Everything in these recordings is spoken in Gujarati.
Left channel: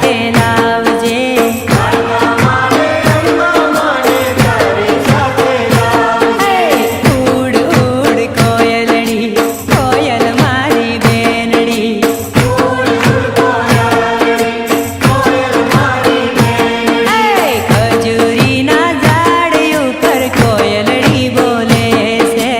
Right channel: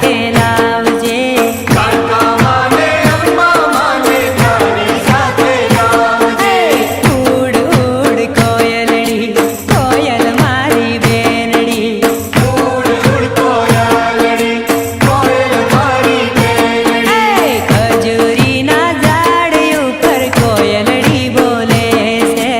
સાથે લાવજે ઉડ ઉડ કોયલડી કોયલ મારી બેનડી ખજૂરીના ઝાડ ઉપર કોયલડી બોલે છે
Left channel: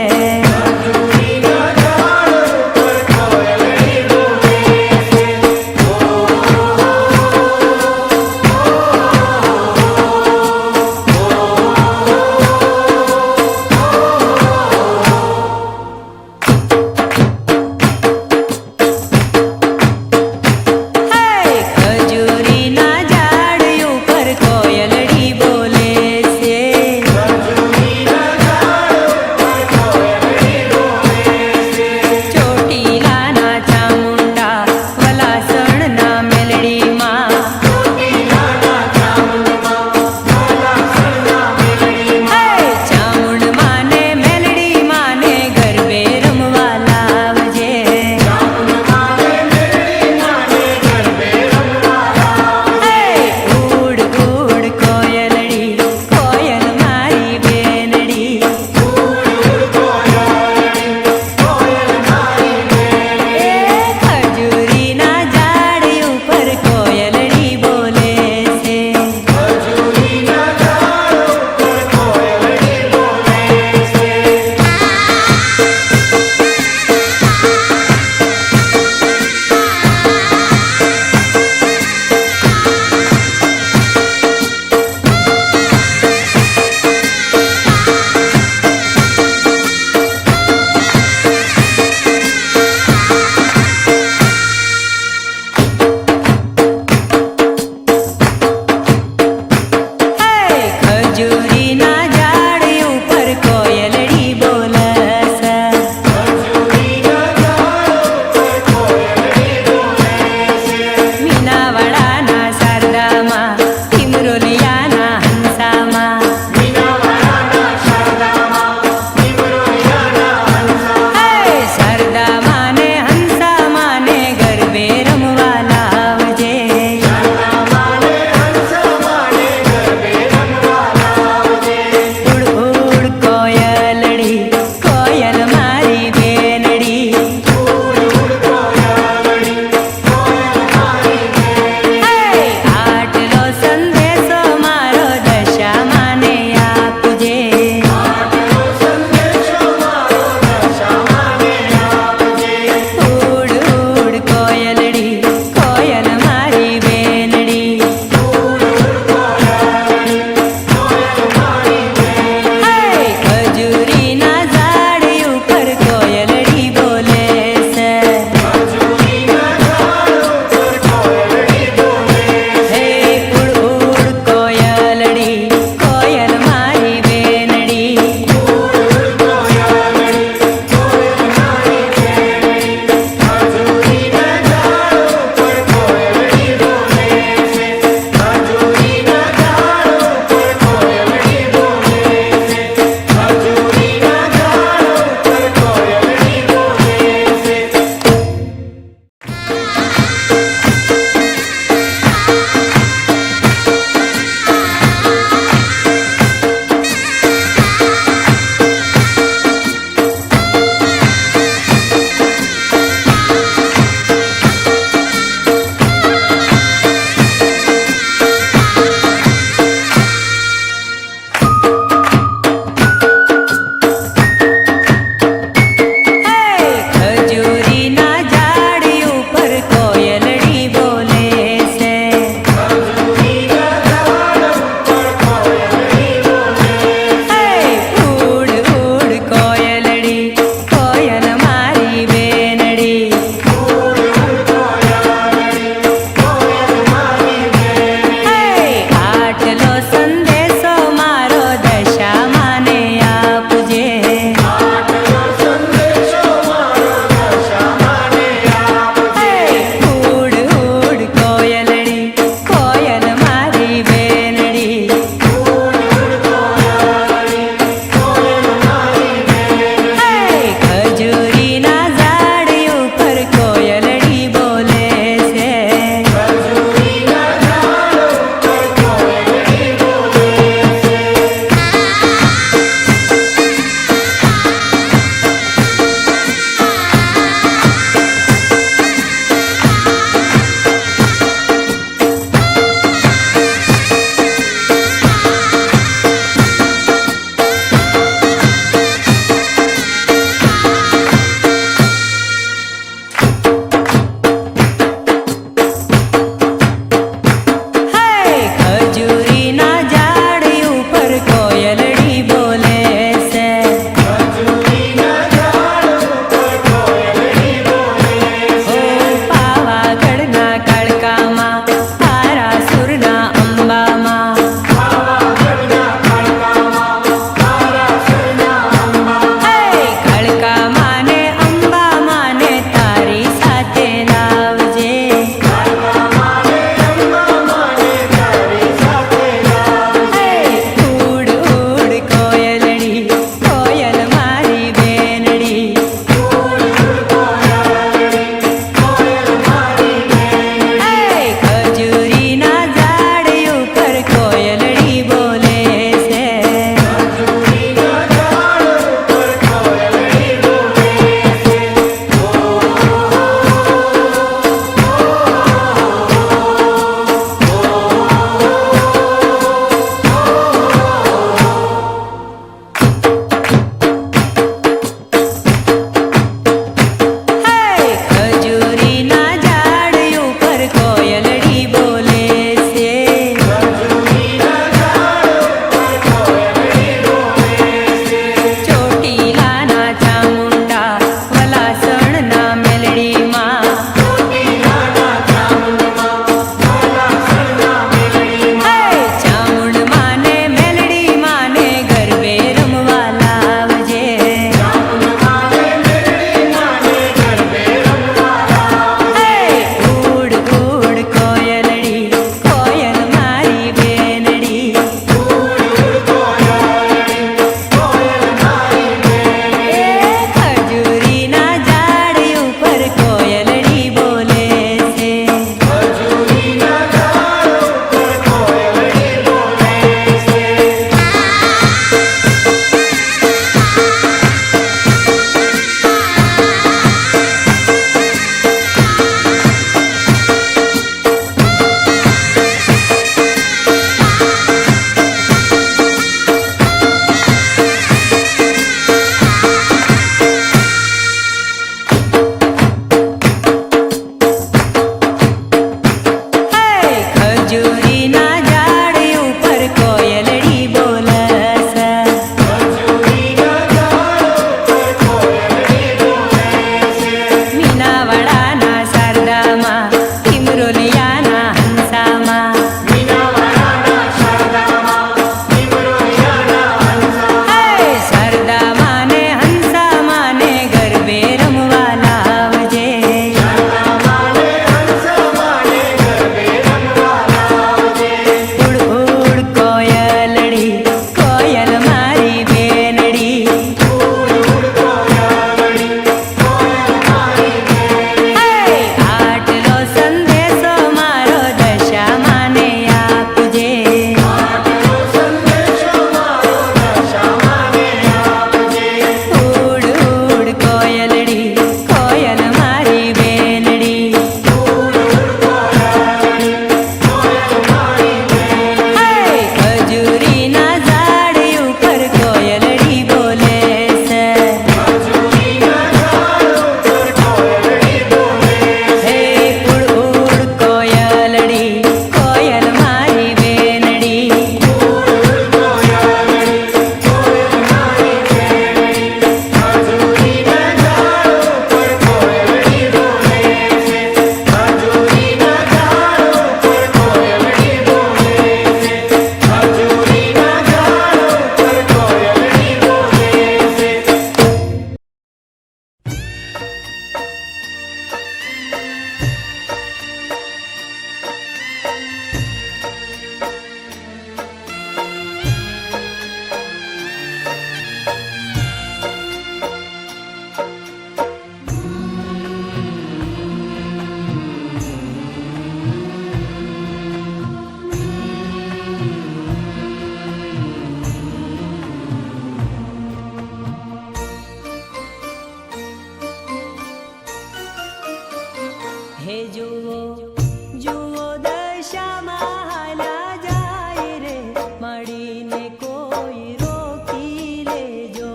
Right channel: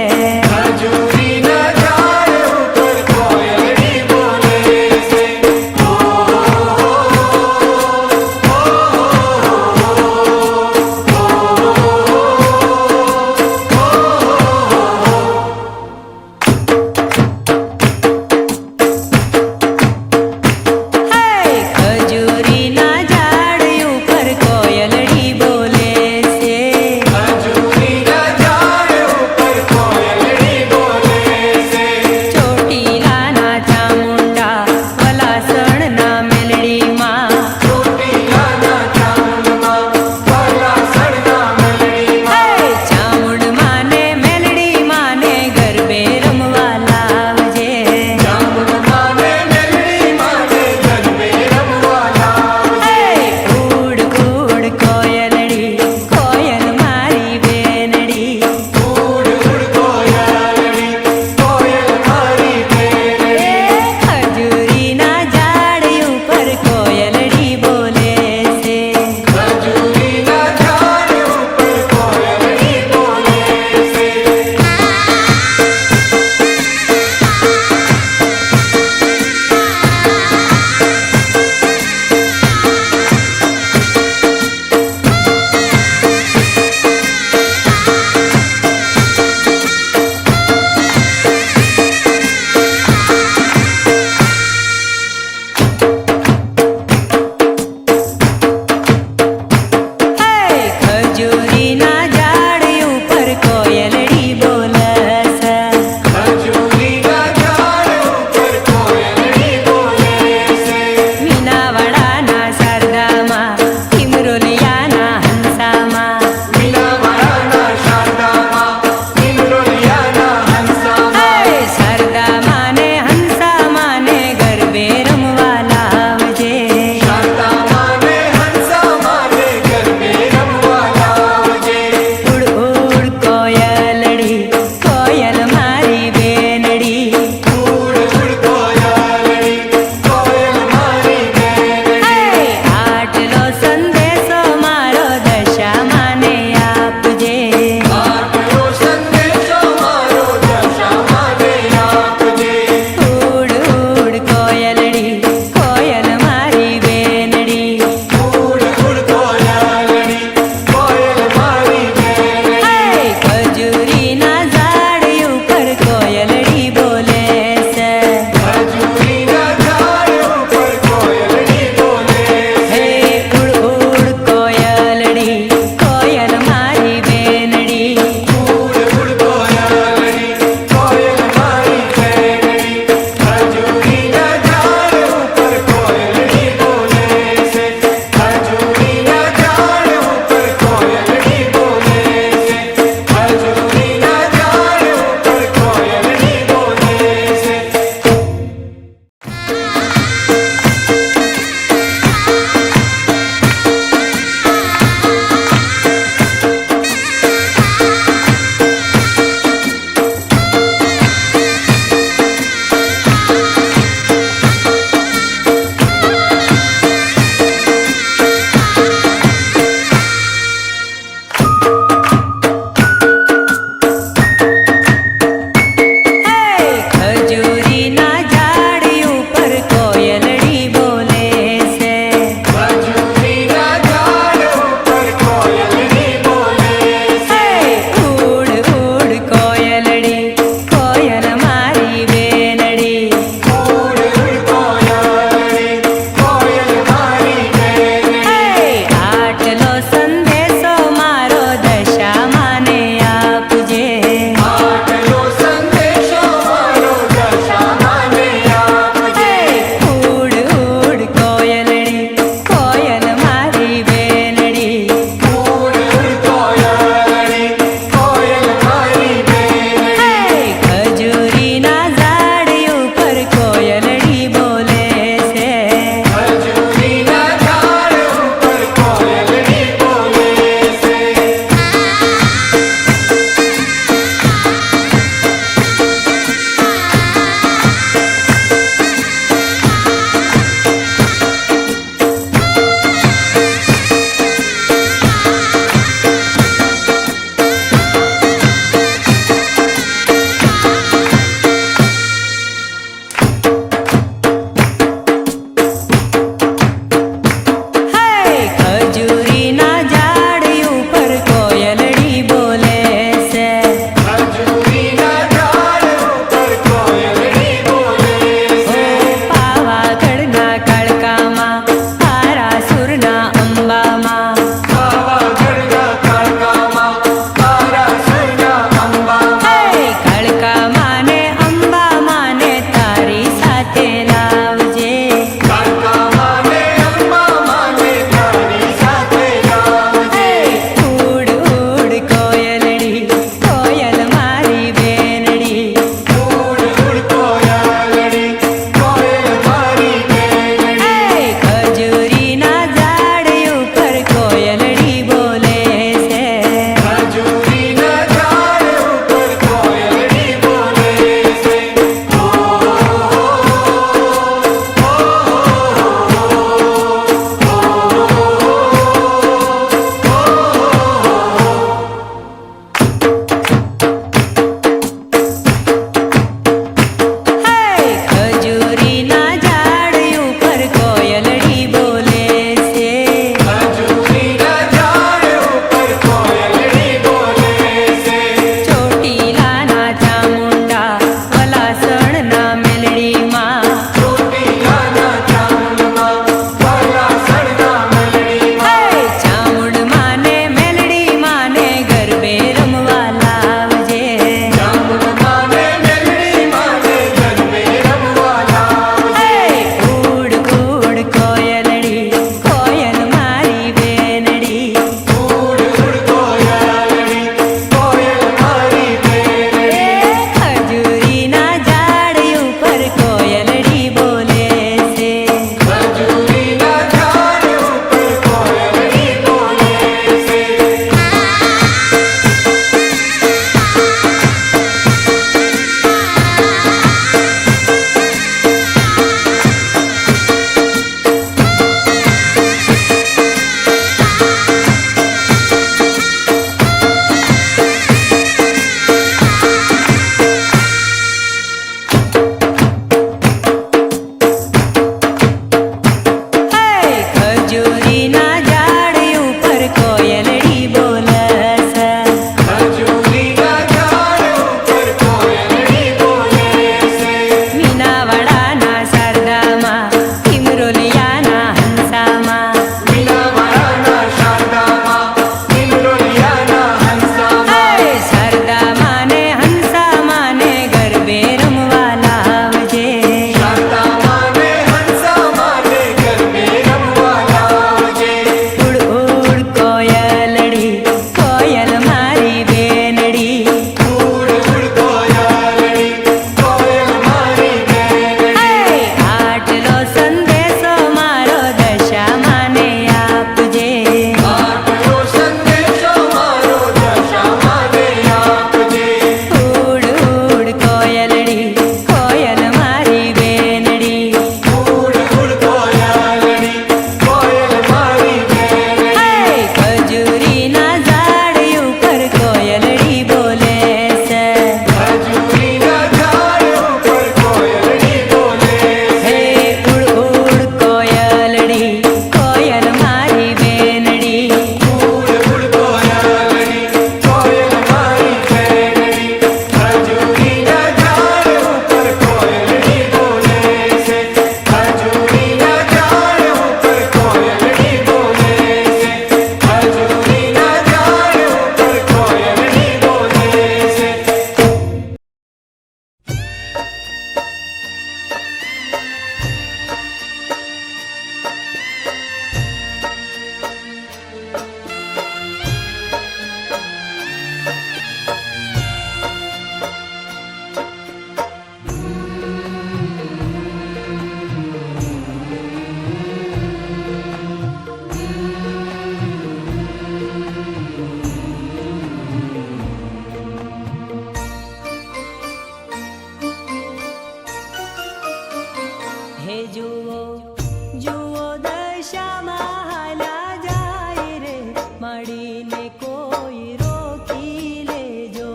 દશામાં હાલ્યા જાય રે મળીને કોઈ રોકી લેજો.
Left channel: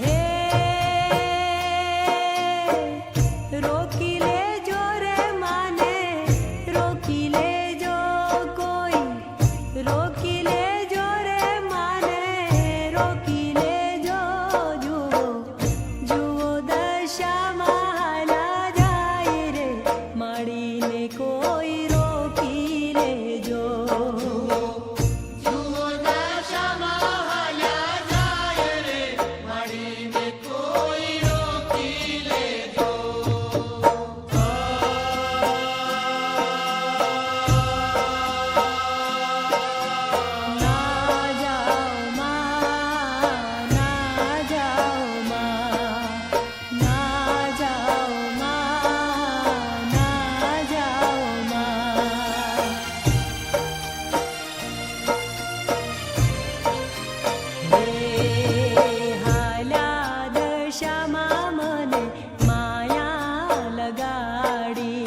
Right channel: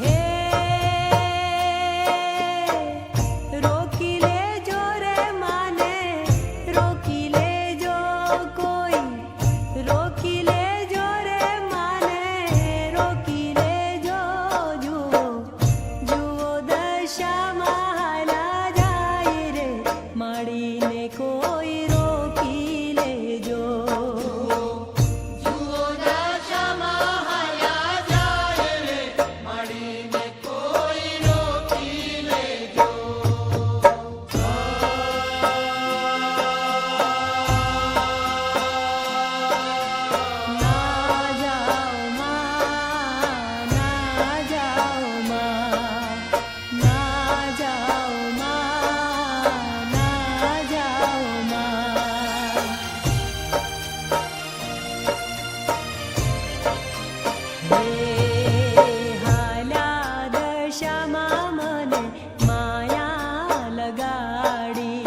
હે રોકી લેજો રે માને રોકી લેજો કોઈ રોકી લેજો રે માને રોકી લેજો. જુઓ જુઓ દશામાં હાલ્યા જાય રે મળીને કોઈ રોકી લેજો. ના જાઓ માં ના જાઓ માં ના જાઓ માં ના જાઓ માં. હે હાલ્યા દશામાં મને માયા લગાડી.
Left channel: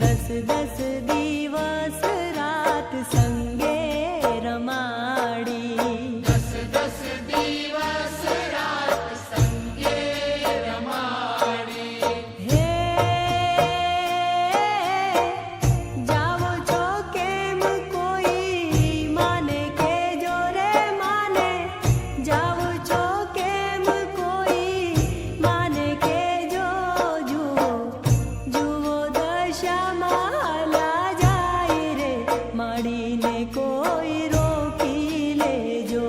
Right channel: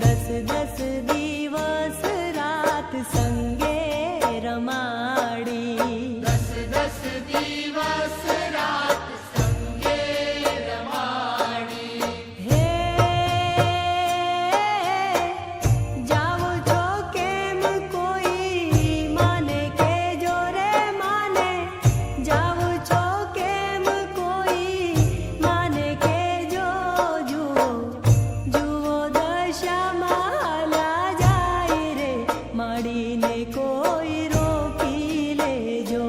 દસ દસ દિવસ રાત સંગે રમાડી. હે જાવો છો કેમ કોઈ માને કેજો રે માને જાવો છો કેમ કોઈ માને કેજો. જુઓ જુઓ દશામાં હાલ્યા જાય રે મળીને કોઈ રોકી લેજો.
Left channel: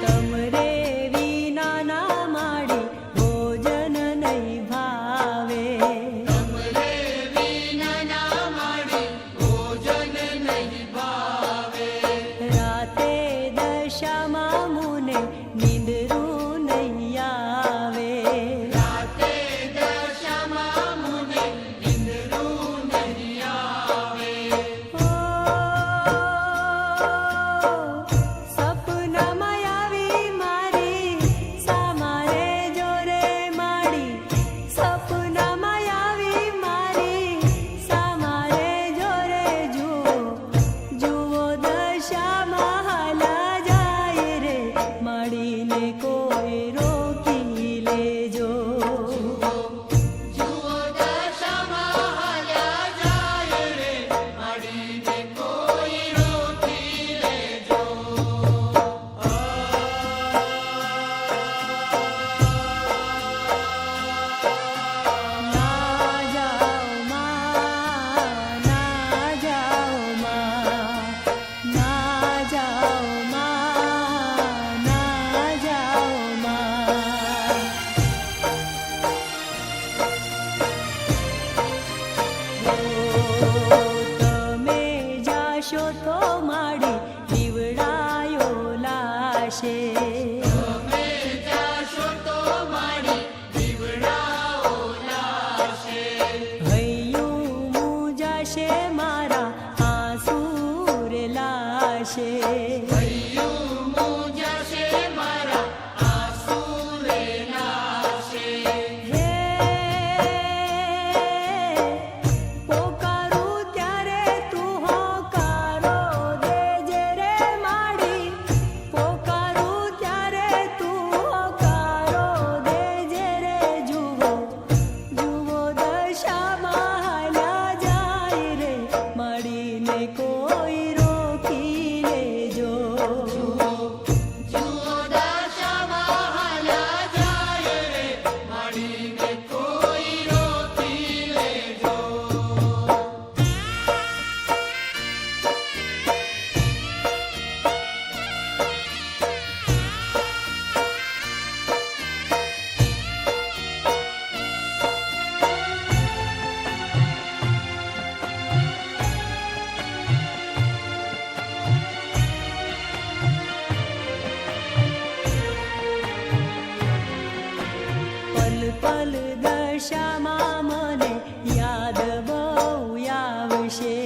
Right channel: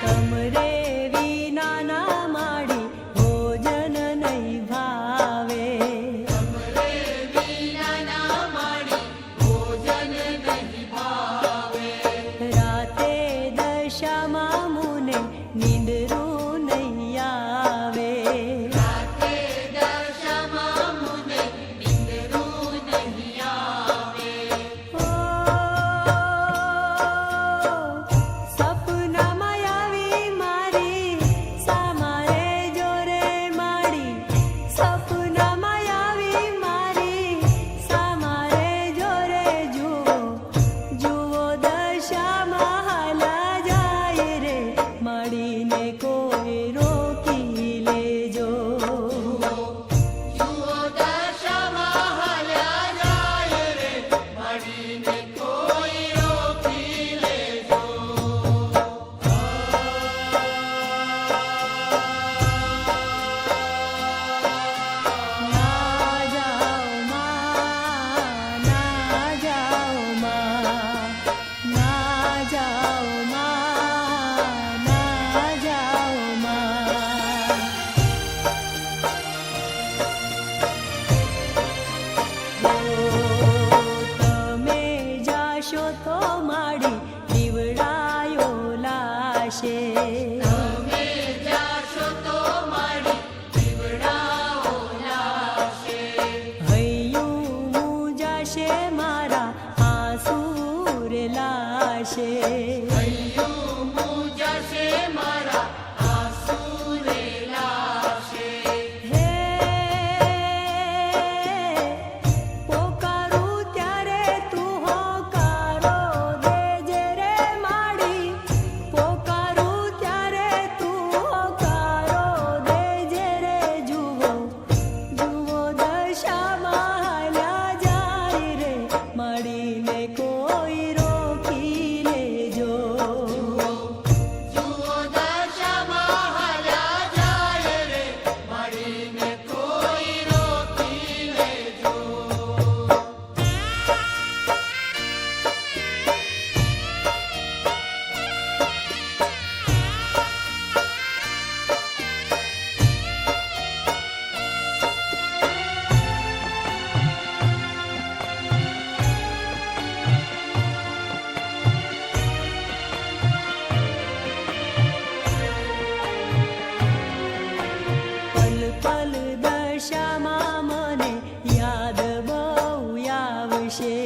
તમરે વિના ના માડી ભોજન નહીં ભાવે. રાતે દશામાં મુને નીંદરું નહીં આવે. ઓ સપનામાં આવી મારી સામારે જોરે માડી. સપનામાં આવી મારી સામારે જોરે. જુઓ જુઓ દશામાં હાલ્યા જાય રે મળીને કોઈ રોકી લેજો. ના જાઓ માં ના જાઓ માં ના જાઓ માં ના જાઓ માં. ઓ તમે જાશો તો માડી દીવડાયો લાશે. હૈયું મુજાશે મારા આંસુ રે લાશે. હે પોકારું ત્યારે તું હોકારો દેજે રે માડી. પોકારું ત્યારે તું હોકારો દેજે રે. જુઓ જુઓ દશામાં હાલ્યા જાય રે મળીને કોઈ રોકી લેજો. દશામાં મને યાદ બહુ આવશે.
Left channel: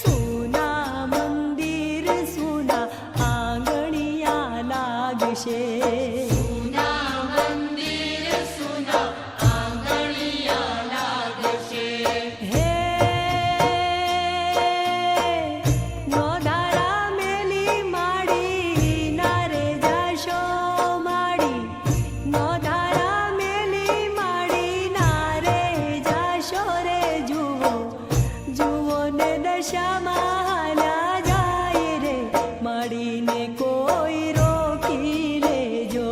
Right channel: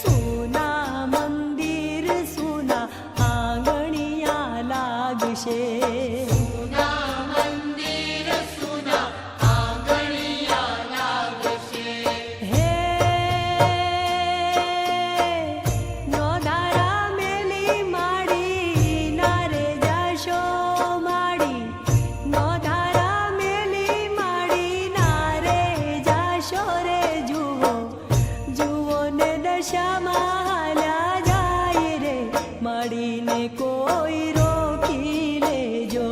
સોના મંદિર સોના આંગણિયા લાગશે. દશામાં હાલ્યા જાય રે મળીને કોઈ રોકી લેજો.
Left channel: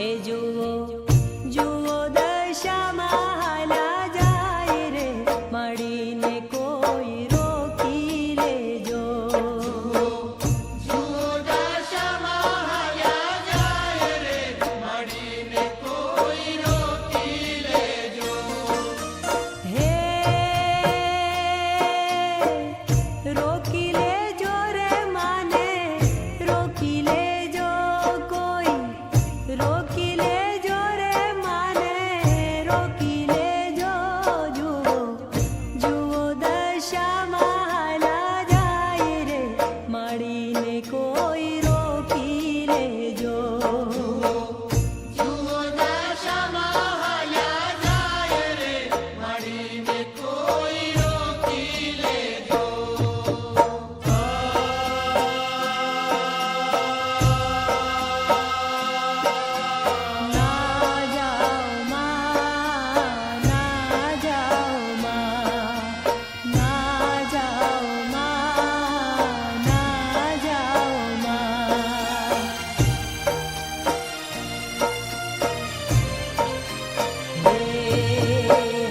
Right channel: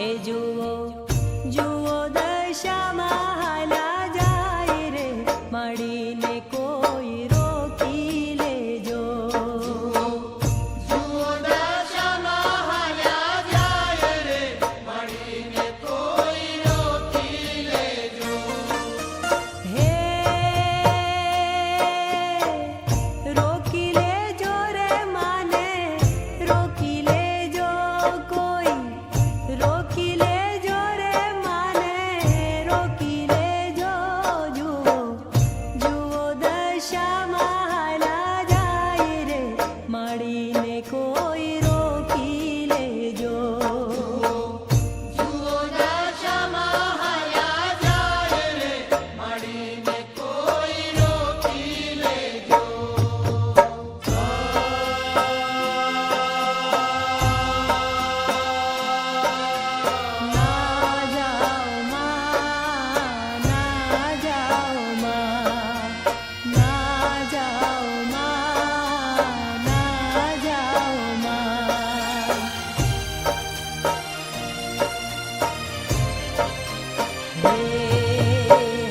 હે જુઓ જુઓ દશામાં હાલ્યા જાય રે મળીને કોઈ રોકી લેજો. હે રોકી લેજો રે માને રોકી લેજો કોઈ રોકી લેજો રે માને રોકી લેજો. જુઓ જુઓ દશામાં હાલ્યા જાય રે મળીને કોઈ રોકી લેજો.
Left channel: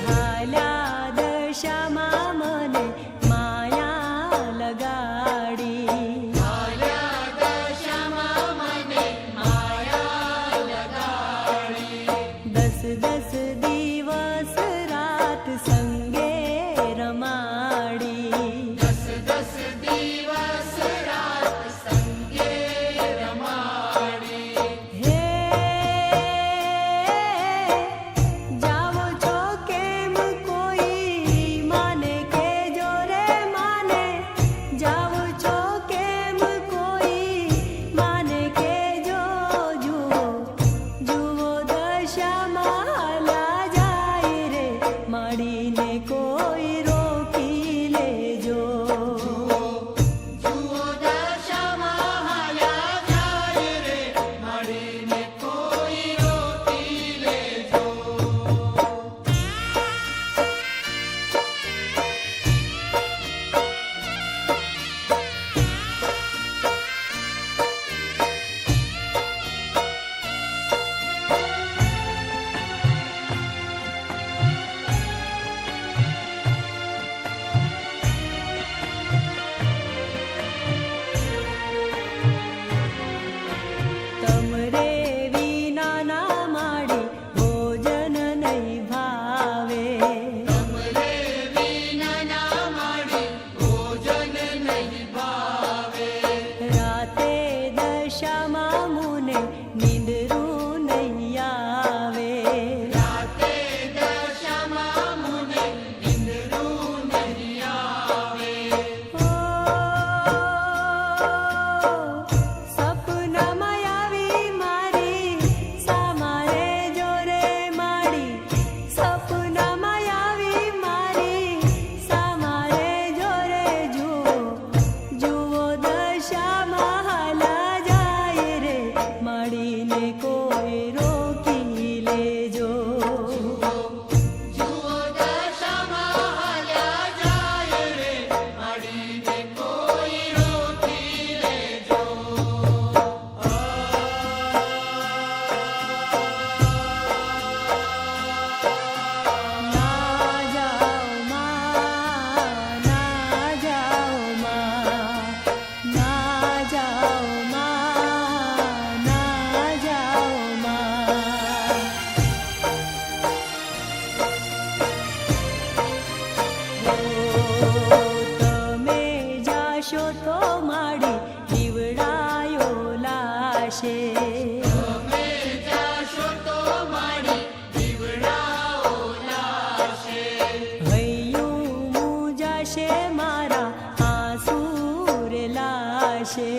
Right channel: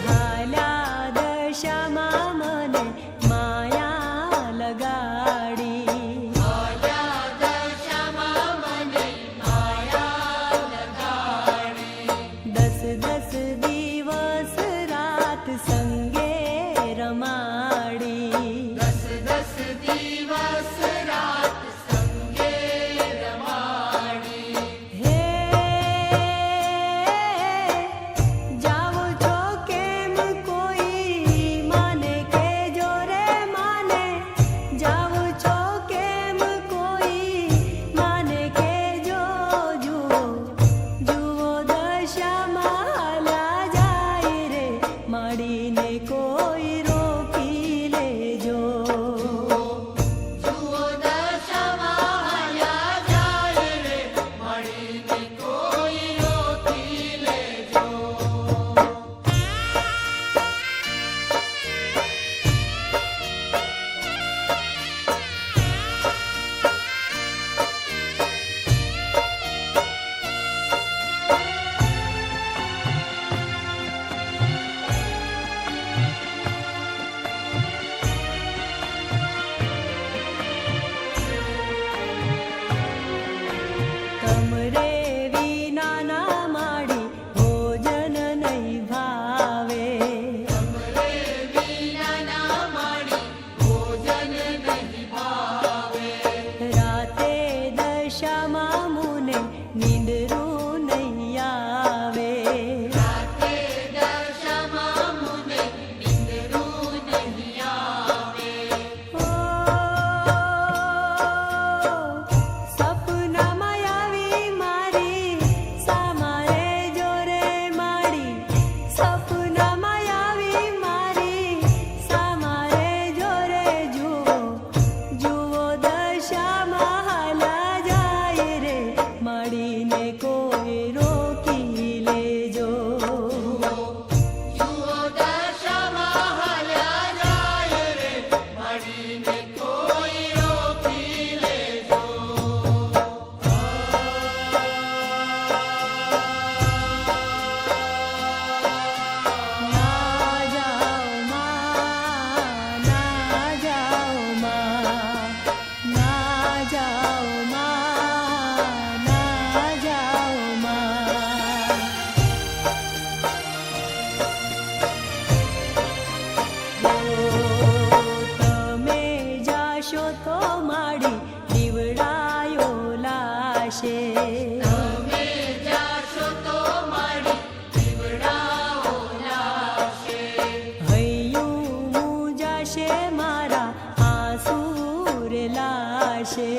હાલ્યા દશામાં મને માયા લગાડી. દસ દસ દિવસ રાત સંગે રમાડી. મળીને કોઈ રોકી લેજો. તમરે વિના ના માડી ભોજન નહીં ભાવે. રાતે દશામાં મુને નીંદરું નહીં આવે. ઓ દશામાં હાલા જાય રે મળીને કોઈ રોકી લેજો. તો માડી દીવડાયો લાશે. હૈયું મુજાશે મારા આંસુ રે લાશે.